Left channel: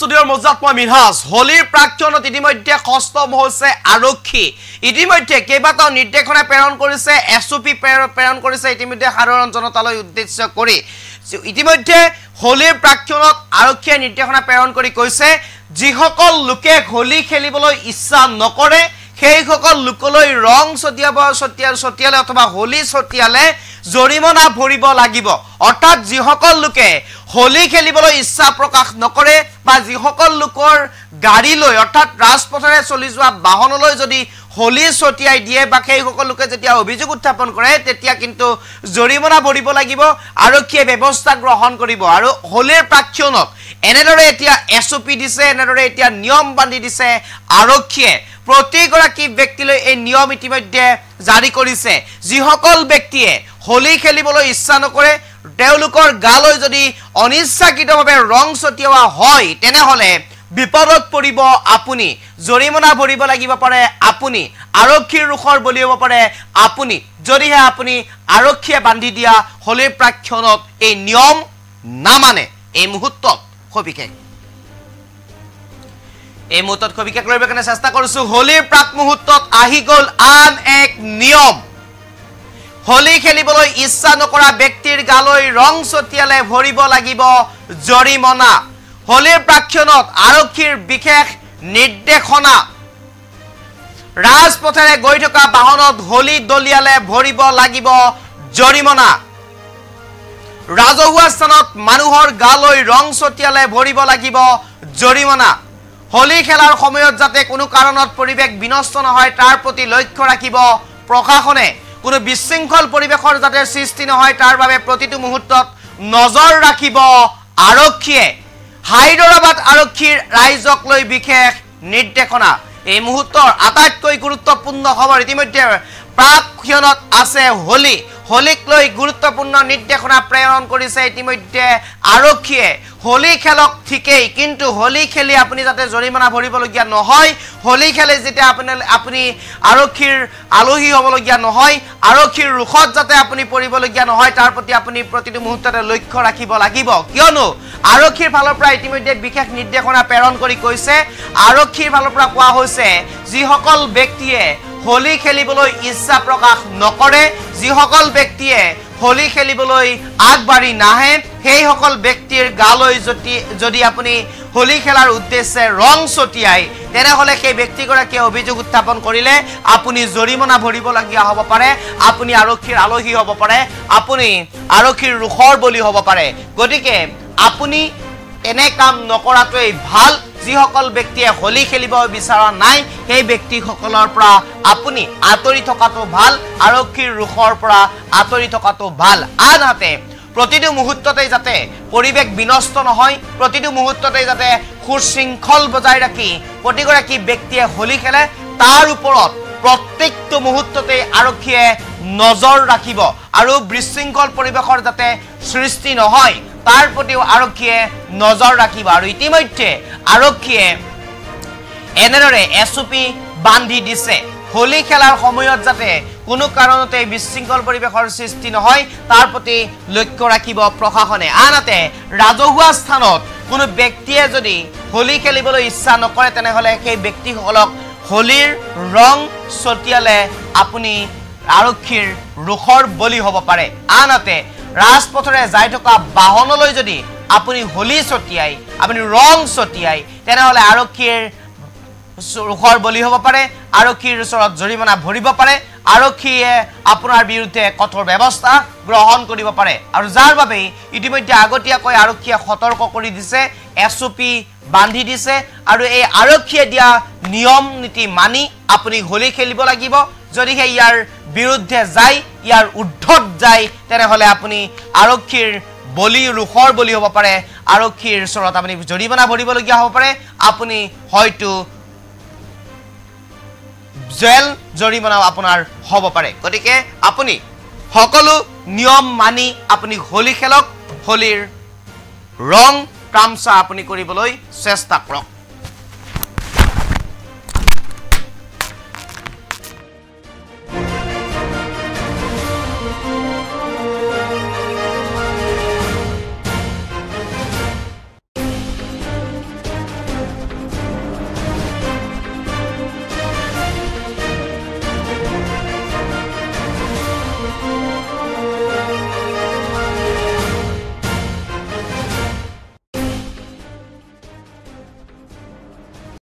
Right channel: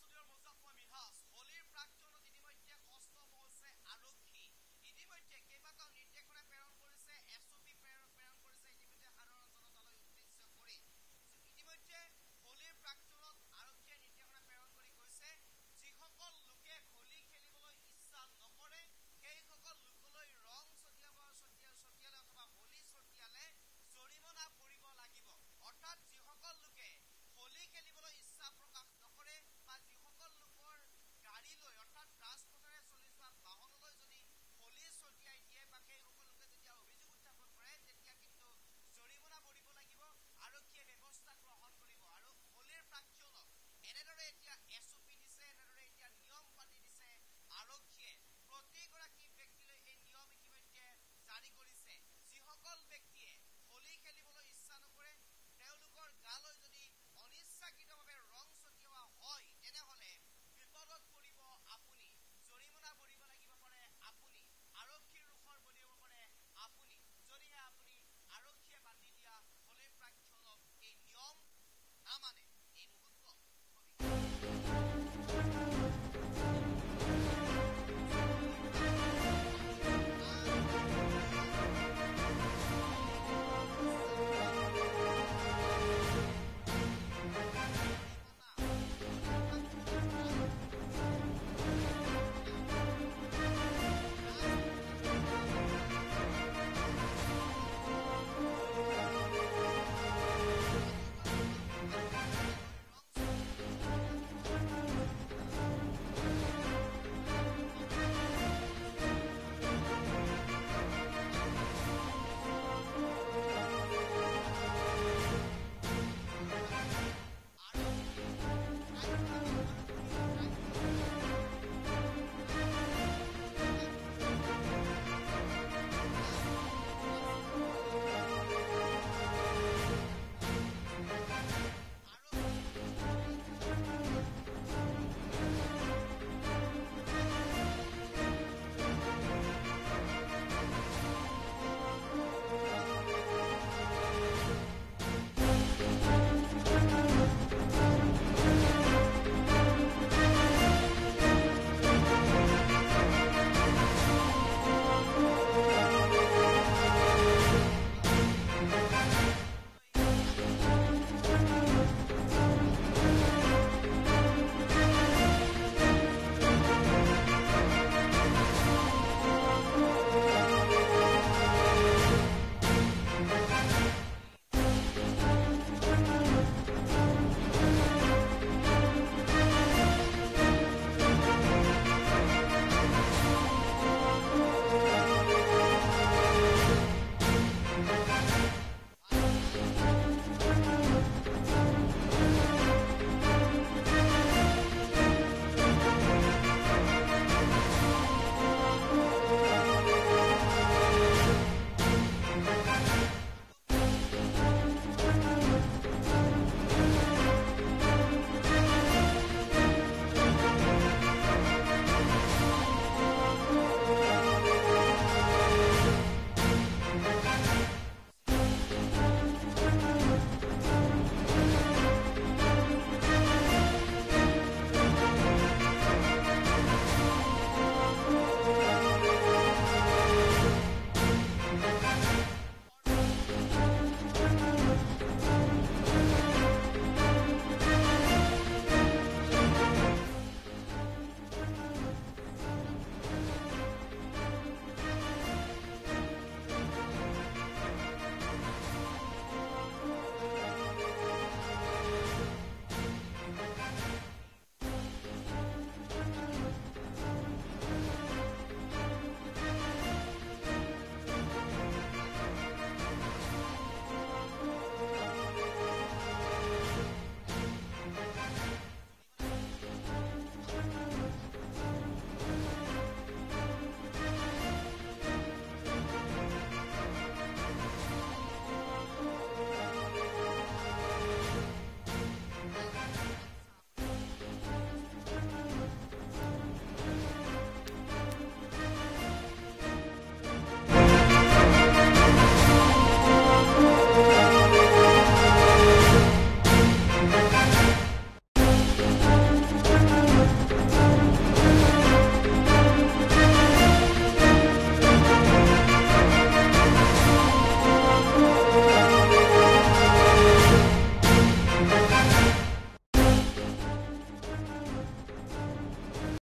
ষ্টুডিঅ'ৰ মজাত মই মিনহাজ হোলীৰ প্ৰাক্ষণত ইতিমধ্যে খস্তম হৈছে আৰক্ষী ইতিমধ্যে কেইবাটাও নিৰ্দেশনা প্ৰেৰণ কৰিছে এছওপি প্ৰেৰণ কৰিছে ইতিমধ্যে সাধাৰণ জনতালৈ উদ্দেশ্য কৰি ইতিমধ্যে হোলীৰ প্ৰাক্ষণত আৰক্ষীয়ে নিৰ্দেশনা প্ৰেৰণ কৰি কৈছে যিসকল লোকে হোলী খেলিবলৈ ইচ্ছা নকৰে সেই সকল লোকলৈ ৰং ছটিয়ালে অথবা হোলী ছটিয়ালে জৰিমনা ভৰিব লাগিব অৰ্থাৎ যিসকল লোকে হোলী খেলিবলৈ ইচ্ছা প্ৰকাশ নকৰে বা যিসকল লোকৰ গাড়ী লৈ অৰ্থাৎ ৰাজপথৰে চলি যোৱা বাহনলৈ যদি হোলী ছটিয়াই দিয়ে বা সেই সকল লোকে যেতিয়া অভিযোগ উত্থাপন কৰে তেতিয়া কিন্তু জৰিমনা ভৰিব লাগিব আৰক্ষীয়ে ব্যৱস্থা গ্ৰহণ কৰিব আৰু হোলীৰ প্ৰাক্ষণত এনেদৰে এতিয়া এছওপি দিছে এনেদৰে এতিয়া নিয়ম বান্ধি দিছে আৰক্ষীয়ে প্ৰতিগৰাকী ব্যক্তিলৈ এই নিয়ম ইতিমধ্যে জাৰি কৰিছে যিসকল ব্যক্তিয়ে হোলী খেলিবলৈ ইচ্ছা নকৰে তেওঁলোকৰ গালৈ যদি অনিচ্ছাকৃতভাৱে ৰং ছটিওৱা হয় তেনেহলে বিপদত পৰিব আপুনি জৰিমনা ভৰিব লাগিব পাৰে আপুনি আৰক্ষীৰ ৰুখৰ বলি হ'ব পাৰে আপুনি যদিহে আপুনি আৰক্ষীয়ে বান্ধি দিয়া হোলীৰ প্ৰাক্ষণত এই নিয়ম নামানে এই মুহূৰ্তত খবিকে কৰিব কাৰণে চেষ্টা কৰিছো হোলীৰ প্ৰাক মুহূৰ্তত আহি গ'ল আন এক নিয়ম হোলী খেলিবলৈ ইচ্ছা নকৰা ব্যক্তিৰ গালৈ ৰং ছটিয়ালে ভৰিব লাগিব জৰিমনা হোলীৰ প্ৰাক্ষণত আৰক্ষীৰ বিশেষ নিৰ্দেশনা ৰাজপথেৰে গৈ থকা বাহনত হোলী দলিয়ালে ভৰিব লাগিব জৰিমনা ৰাজহুৱা স্থানত মানুহৰ গালৈ ৰং ছটিয়ালে ভৰিব লাগিব জৰিমনা হোলী খেলাৰ সময়ত যাতে কোনো কাৰণত পৰিৱেশ বিনষ্ট নহয় তাৰ প্ৰতি লক্ষ্য ৰাখিব প্ৰশাসনে কোনো বিশৃংখল পৰিৱেশৰ যাতে সৃষ্টি নহয় তাৰ বাবে প্ৰতিটো মুহূৰ্তত নজৰ ৰাখিব আৰক্ষীয়ে হায়দৰাবাদ আৰক্ষীৰ ৰাইজক লৈ বিশেষ নিৰ্দেশনা এই মুহূৰ্তৰ আটাইতকৈ গুৰুত্বপূৰ্ণ খবৰ ইতিমধ্যে প্ৰাক্ষণত আছে হোলী হোলীক লৈ গুৰুত্বপূৰ্ণ নিৰ্দেশনা প্ৰেৰণ কৰিছে ইতিমধ্যে আৰক্ষীয়ে হোলী খেলক ঠিকেই কিন্তু হোলী খেলি আপুনি যাতে জৰিমনা ভৰিবলগীয়া নহয় হোলী খেলে যেতিয়া আপুনি আৰক্ষীৰ আলহী হ'বলগীয়া নহয় আৰক্ষীৰ ৰুখত যাতে আপুনি পৰিবলগীয়া নহয় তাৰ প্ৰতি আপুনি প্ৰতিটো মুহূৰ্ততে লক্ষ্য ৰাখিব লাগিব কিয়নো আৰক্ষীৰ ফালৰ পৰা ইতিমধ্যে বিশেষ নিৰ্দেশনা প্ৰেৰণ কৰি কৈছে আৰক্ষীৰ ফালৰ পৰা কোৱা হৈছে যিসকল ব্যক্তিয়ে হোলী খেলিবলৈ ইচ্ছা প্ৰকাশ নকৰে যিসকল ব্যক্তিয়ে হোলী খেলিবলৈ আগবাঢ়ি নাহে সেই সকল ব্যক্তিৰ গালৈ যদি আপুনি হোলী খেলাৰ উদ্দেশ্যে ৰং ছটিয়াই তেনেহলে সেই ব্যক্তিগৰাকীয়ে অভিযোগ উত্থাপন কৰিলে আপুনি জৰিমনা ভৰিবলগীয়া হ'ব পাৰে আপুনি আৰক্ষীৰ আলহী হ'ব পাৰে আপুনি আৰক্ষীৰ ৰুখৰ বলি হ'ব পাৰে গতিকে আপুনি এনে কাম নকৰাটোৱেই ভাল যিসকল ব্যক্তিয়ে হোলী খেলিব বিচৰা নাই সেই ব্যক্তিসকলৰ পৰা আপুনি আঁতৰি থকাটো ভাল আৰক্ষীৰ ৰুখৰ পৰা আঁতৰি থকাটো ভাল আনহাতে প্ৰতিটো মুহূৰ্ততে যাতে পৰিৱেশ বিনষ্ট নহয় প্ৰতিটো মুহূৰ্ততে যাতে সুশৃংখল বজাই ৰাখি প্ৰতিগৰাকী ব্যক্তিয়ে হোলী খেলে তাৰ ওপৰত প্ৰত্যেকটো মুহূৰ্ততে আৰক্ষীয়ে নজৰ ৰাখিব আৰু বিশৃংখল পৰিৱেশৰ যাতে সৃষ্টি নহয় তাৰ প্ৰতিও আৰক্ষীয়ে নজৰ ৰাখিব আৰু ইতিমধ্যে আৰক্ষীয়ে এনেদৰে এছওপি বান্ধি দিছে হোলী খেলাৰ সময়ত যাতে কোনো কাৰণতে বিশৃংখল পৰিৱেশৰ সৃষ্টি নহয় তাৰ প্ৰতি লক্ষ্য ৰাখিব প্ৰশাসনে আনহাতে ৰাজহুৱা স্থানত কোনো ব্যক্তিয়ে যদি হোলী খেলিবলৈ ইচ্ছা নকৰে তেনেহলে সেই ব্যক্তিসকলক হোলীৰ ৰং ছটিয়ালে আপুনি আৰক্ষীৰ ৰুখৰ বলি হ'ব পাৰে আনহাতে ৰাজপথৰে যাই থকা বাহনলৈ যদি আপুনি হোলী ছটিয়াই আপুনি ৰং ছটিয়াই তেনেহলে আৰক্ষীৰ ৰুখৰ বলি হ'ব পাৰে আৰক্ষীৰ ওচৰত জৰিমনা ভৰিব পাৰে আৰক্ষীয়ে আপোনাৰ বিৰুদ্ধে কঠোৰ ব্যৱস্থা গ্ৰহণ কৰিব পাৰে আৰু যাৰ বাবে ইতিমধ্যে আগতীয়াকৈ আৰক্ষীয়ে সতৰ্ক কৰি দিছে এছওপি বান্ধি দিছে আৰু এই আৰক্ষীয়ে দিয়া নিয়ম নীতি মানি আপুনি হোলী খেলিব লাগিব যদিহে ইয়াৰ বিৰুদ্ধে যায় ইয়াৰ উদ্ধত যায় তেনেহলে আপুনি আৰক্ষীৰ বলি ৰুখৰ বলি হ'ব পাৰে আৰক্ষীৰ ওচৰত আপুনি জৰিমনা ভৰিবলগীয়া হ'ব পাৰে আপুনি হয়তো জেল জৰিমনা আপোনাৰ হ'ব পাৰে গতিকে আপুনি সকলো নিয়ম মানি আপুনি হোলী খেলক হোলীৰ ৰং তামসা আপুনি কৰিবলৈ চেষ্টা কৰক